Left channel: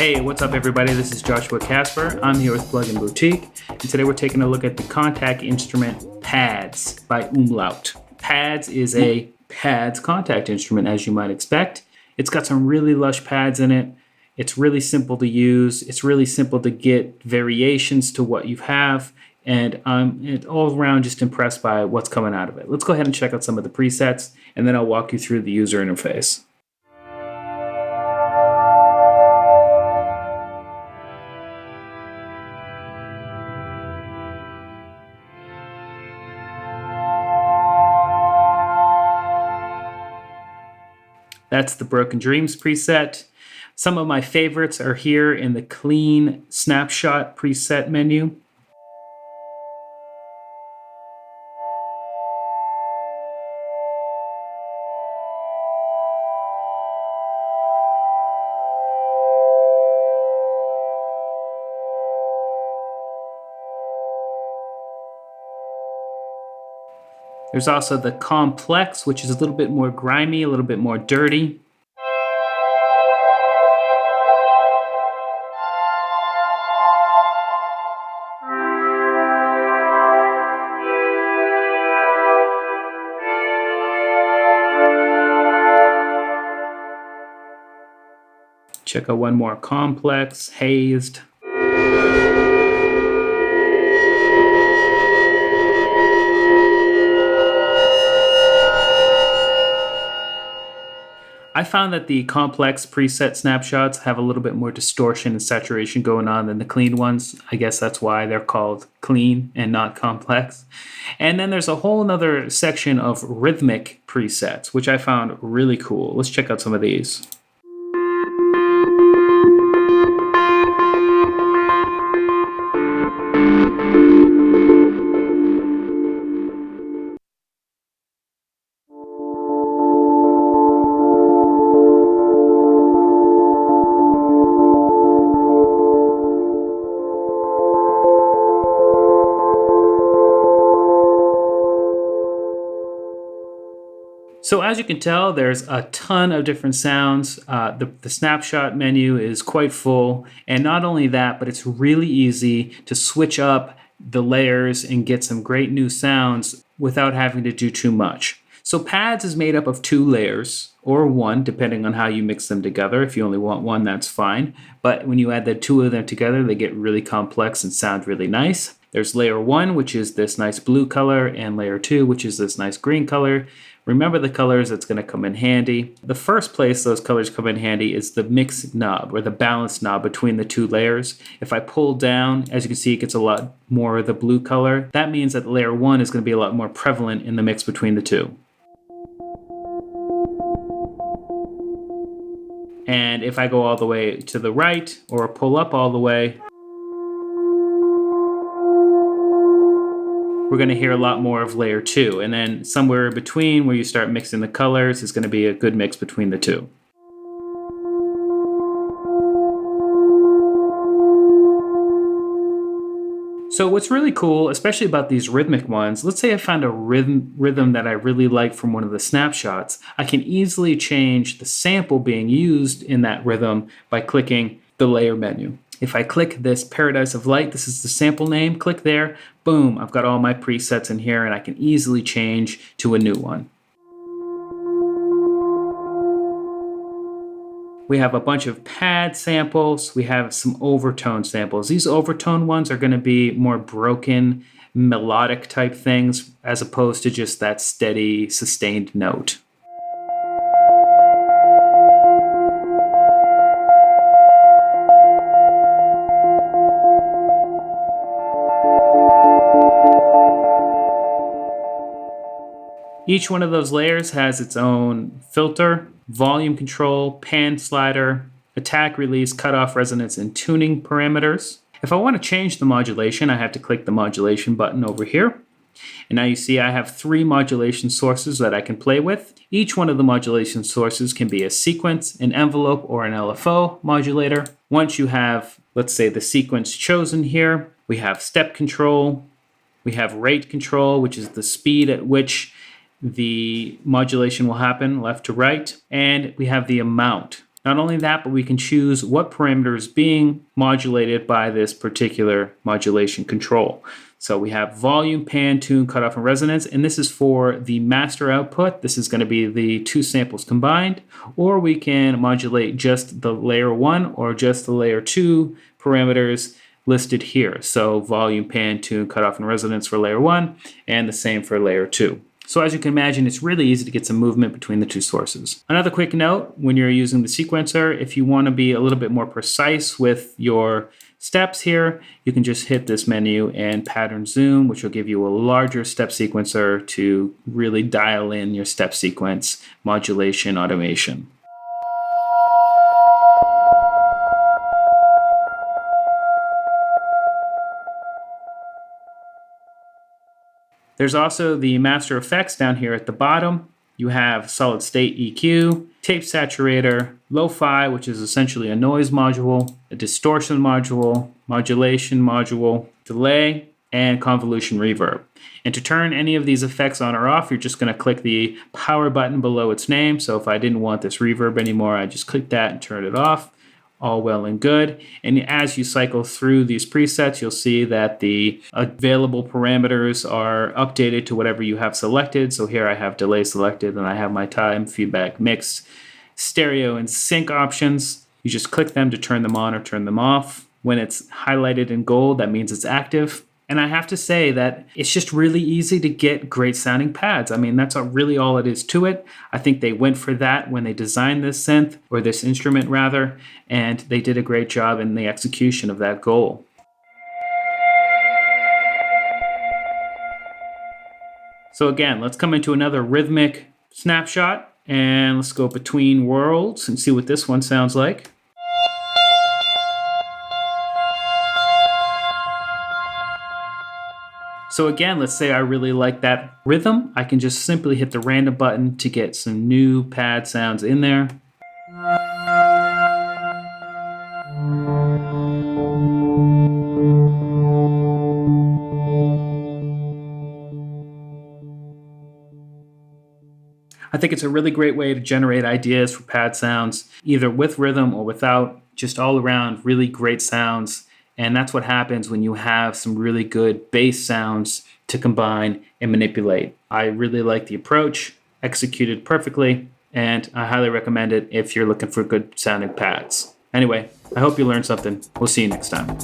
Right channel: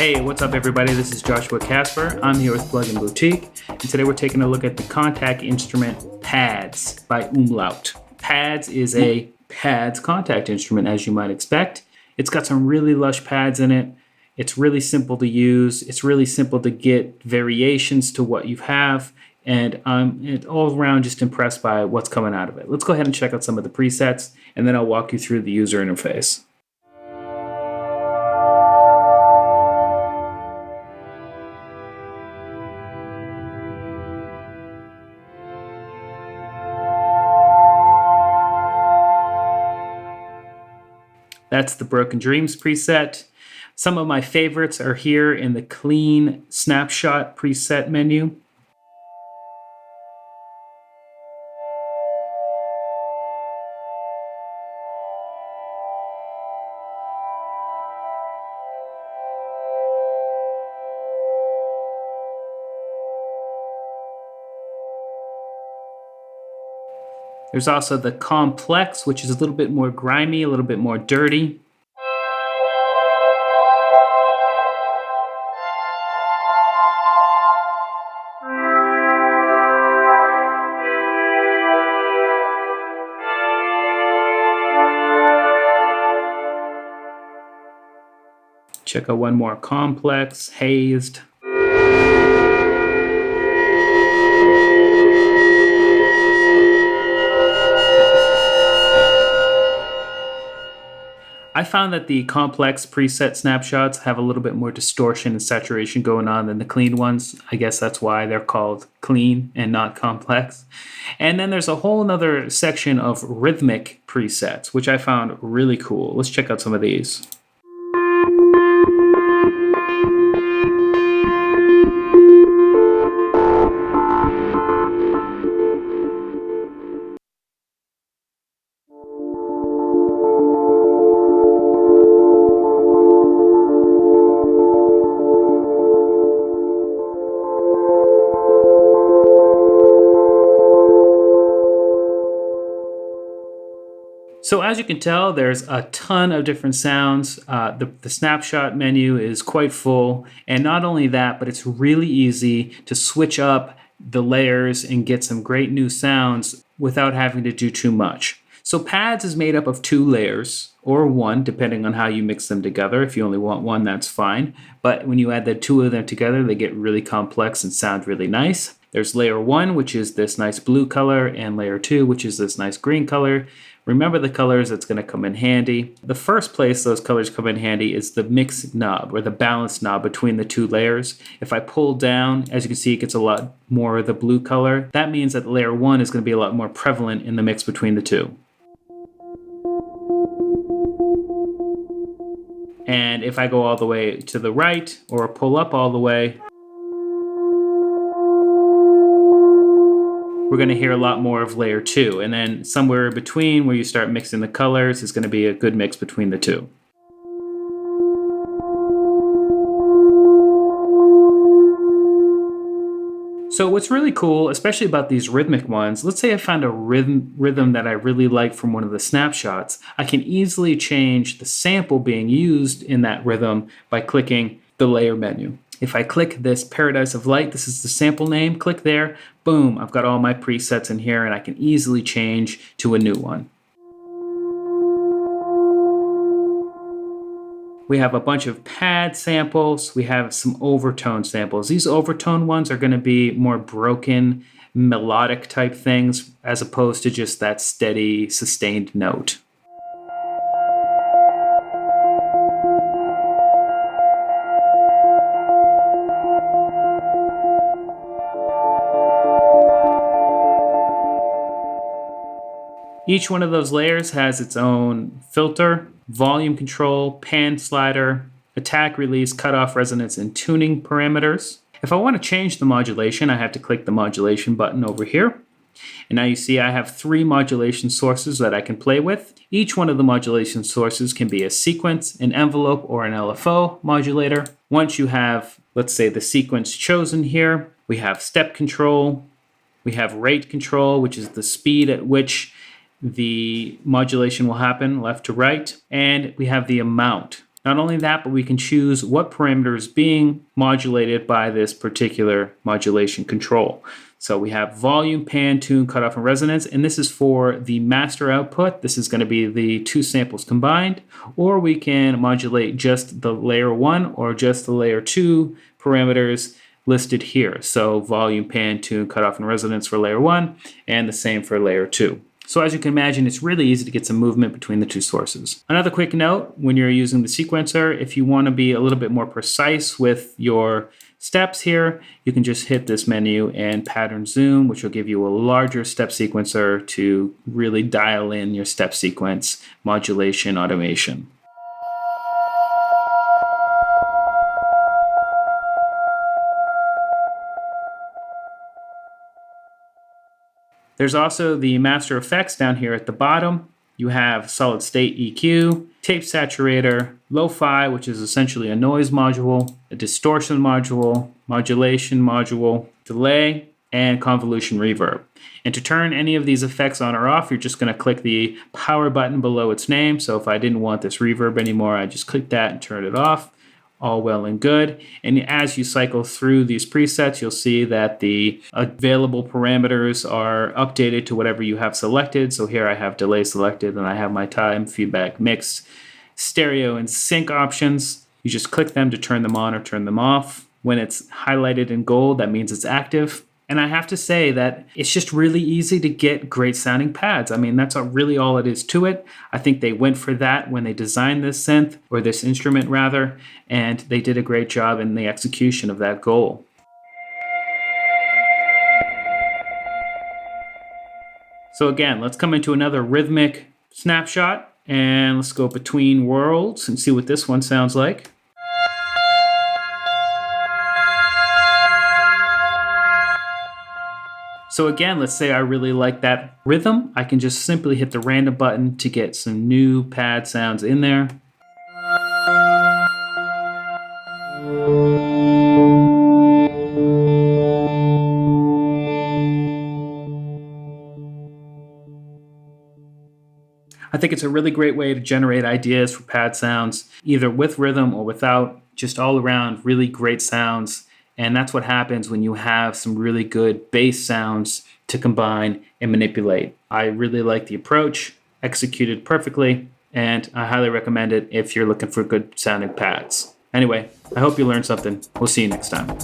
Hey, what's up everybody? This is Joshua Casper. I'm here with Plugin Boutique, and today we're taking a look at the Kontakt instrument Pads by Umlaut. Pads is a pads Kontakt instrument, as you might expect. It's got some really lush pads in it. It's really simple to use. It's really simple to get variations to what you have, and I'm all around just impressed by what's coming out of it. Let's go ahead and check out some of the presets, and then I'll walk you through the user interface. That's the Broken Dreams preset. Some of my favorites are here in the clean snapshot preset menu. There's also the complex, which is a little bit more grimy, a little bit more dirty. Check out one more complex, hazed. I found that the complex preset snapshots have a little bit more distortion and saturation going on than the clean ones. I guess that's why they're called clean and not complex. And then there's a whole other section of rhythmic presets, which I found really cool. Let's check out some of these. So as you can tell, there's a ton of different sounds. The snapshot menu is quite full. And not only that, but it's really easy to switch up the layers and get some great new sounds without having to do too much. So Pads is made up of 2 layers, or 1, depending on how you mix them together. If you only want 1, that's fine. But when you add the 2 of them together, they get really complex and sound really nice. There's layer 1, which is this nice blue color, and layer 2, which is this nice green color. Remember the colors, that's going to come in handy. The first place those colors come in handy is the mix knob, or the balance knob between the 2 layers. If I pull down, as you can see, it gets a lot more of the blue color. That means that layer 1 is going to be a lot more prevalent in the mix between the 2. And if I go all the way to the right, or pull up all the way, we're going to hear a lot more of layer 2. And then somewhere in between where you start mixing the colors is going to be a good mix between the 2. So what's really cool, especially about these rhythmic ones, let's say I found a rhythm that I really like from one of the snapshots. I can easily change the sample being used in that rhythm by clicking the layer menu. If I click this Paradise of Light, this is the sample name, click there, boom, I've got all my presets in here and I can easily change to a new one. We have a bunch of pad samples. We have some overtone samples. These overtone ones are going to be more broken, melodic type things as opposed to just that steady, sustained note. Each one of those layers has its own filter, volume control, pan slider, attack, release, cutoff, resonance, and tuning parameters. If I want to change the modulation, I have to click the modulation button over here. And now you see I have 3 modulation sources that I can play with. Each one of the modulation sources can be a sequence, an envelope, or an LFO modulator. Once you have, let's say, the sequence chosen here, we have step control, we have rate control, which is the speed at which the modulation will happen left to right, and we have the amount, Not only that, but we can choose what parameter is being modulated by this particular modulation control. So we have volume, pan, tune, cutoff, and resonance, and this is for the master output. This is going to be the two samples combined, or we can modulate just the layer 1 or just the layer 2 parameters listed here. So volume, pan, tune, cutoff, and resonance for layer 1, and the same for layer 2. So as you can imagine, it's really easy to get some movement between the two sources. Another quick note, when you're using the sequencer, if you want to be a little bit more precise with your steps here, you can just hit this menu and pattern zoom, which will give you a larger step sequencer to really dial in your step sequence modulation automation. There's also the master effects down here at the bottom. You have solid state EQ, tape saturator, lo-fi, which is essentially a noise module, a distortion module, modulation module, delay, and convolution reverb. And to turn any of these effects on or off, you're just going to click the power button below its name. So if I didn't want this reverb anymore, I just click that and turn it off. All well and good. And as you cycle through these presets, you'll see that the available parameters are updated to whatever you have selected. So here I have delay selected, and I have my time, feedback, mix, stereo, and sync options. You just click them to turn them on or turn them off. When it's highlighted in gold, that means it's active. And I have to say that it's just really easy to get great sounding pads. I mean, that's really all it is to it. I think they went for that when they designed this synth, or this instrument rather, and they did a great job in the execution of that goal. So again, let's come into another rhythmic snapshot, and let's go between worlds and see what this one sounds like. So again, let's say I really like that rhythm. I can just simply hit the random button to get some new pad sounds in there. I think it's a really great way to generate ideas for pad sounds, either with rhythm or without, just all around really great sounds. And that's what happens when you have some really good bass sounds to combine and manipulate. I really like the approach, executed perfectly, and I highly recommend it if you're looking for good sounding pads. Anyway, I hope you learned something. We'll see you next time.